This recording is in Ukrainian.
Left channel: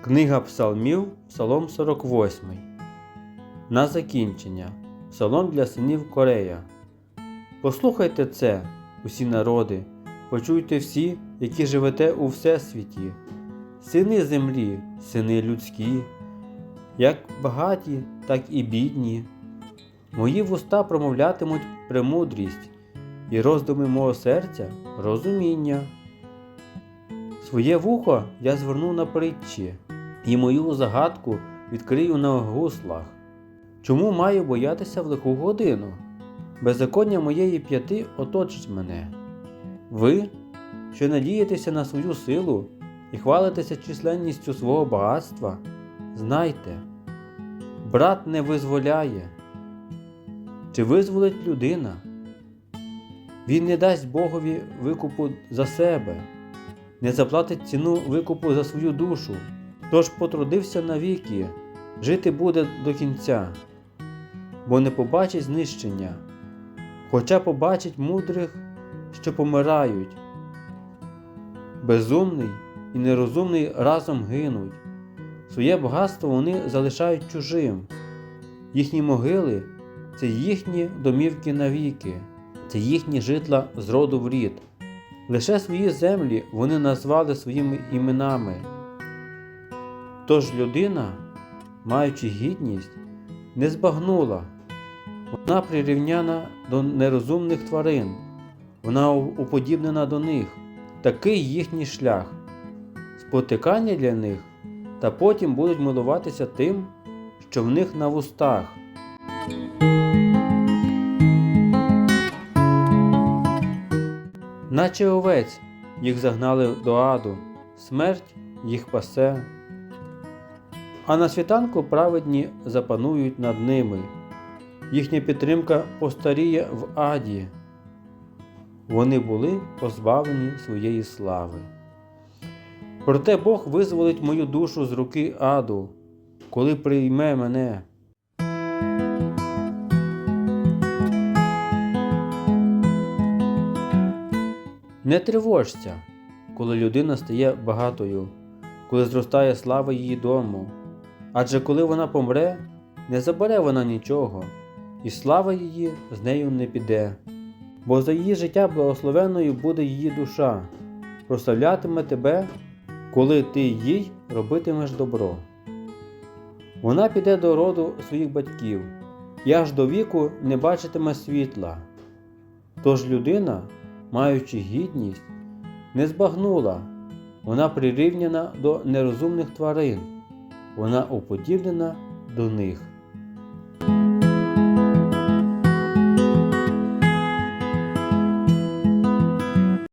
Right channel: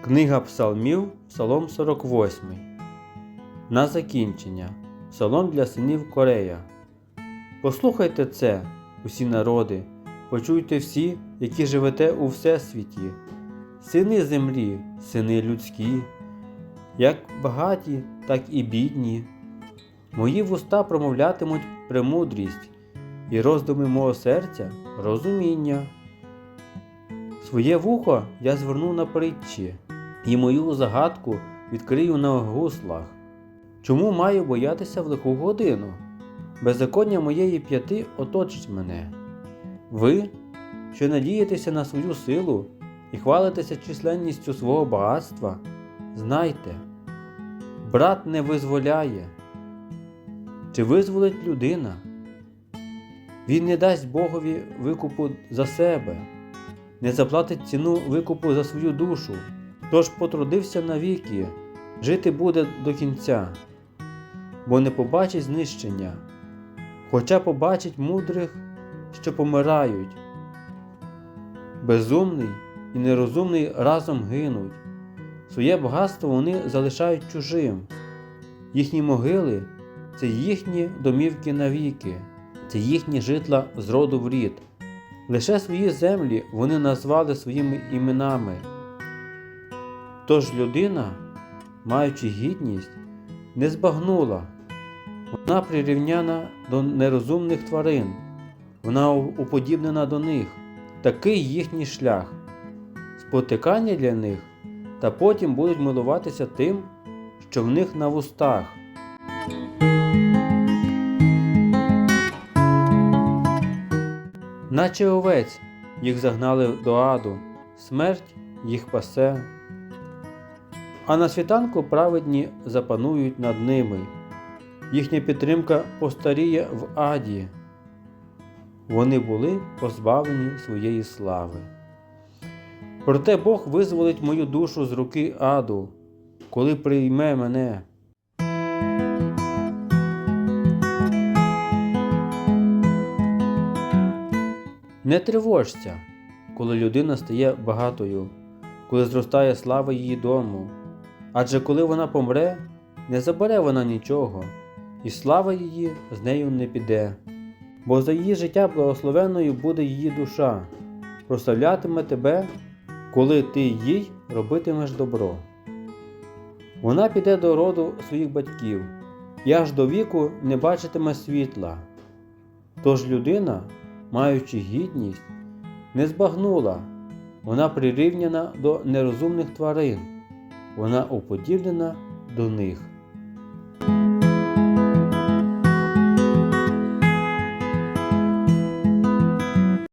Книга Псалмів, Псалом 48. На закінчення. Псалом для синів Корея. Послухайте це, усі народи, почуйте всі, які живете у всесвіті, сини землі, сини людські, як багаті, так і бідні. Мої вуста промовлятимуть премудрість, і роздуми мого серця розуміння. Своє вухо я зверну на притчі, і мою загадку відкрию на гуслах. Чому маю боятися в лиху годину? Беззаконня моєї п'яти оточить мене. Ви, що надієтеся на свою силу і хвалитеся численністю свого багатства, знайте, брат не визволяє. Чи визволить людина? Він не дасть Богові викупу за себе не заплатить ціну викупу за свою душу, тож потрудився навіки, жити буде до кінця, бо не побачить знищення, хоча побачить мудрих, що помирають. Безумний і нерозумний разом гинуть, своє багатство вони залишають чужим, їхні могили це їхні домівки навіки, це їхні житла з роду в рід. Лише свої землі вони назвали своїми іменами. Тож людина, маючи гідність, не збагнула, вона прирівняна до нерозумних тварин, вона уподібнена до них, такий їхній шлях, спотикання для них, та потім будуть милуватися тим, що в них на вустах. Наче овець їх загнали до аду, смерть їх пасе. А на світанку праведні запанують над ними, їхня підтримка постаріє в аді. Вони були позбавлені своєї слави. Проте Бог визволить мою душу з руки аду, коли прийме мене. Не тривожся, коли людина стає багатою, коли зростає слава її дому. Адже коли вона помре, не забере вона нічого, і слава її з нею не піде. Бо за її життя благословенною буде її душа, прославлятиме тебе, коли ти їй робитимеш добро. Вона піде до роду своїх батьків і аж до віку не бачитиме світла. Тож людина маючи гідність, не збагнула, вона прирівняна до нерозумних тварин, вона уподібнена до них.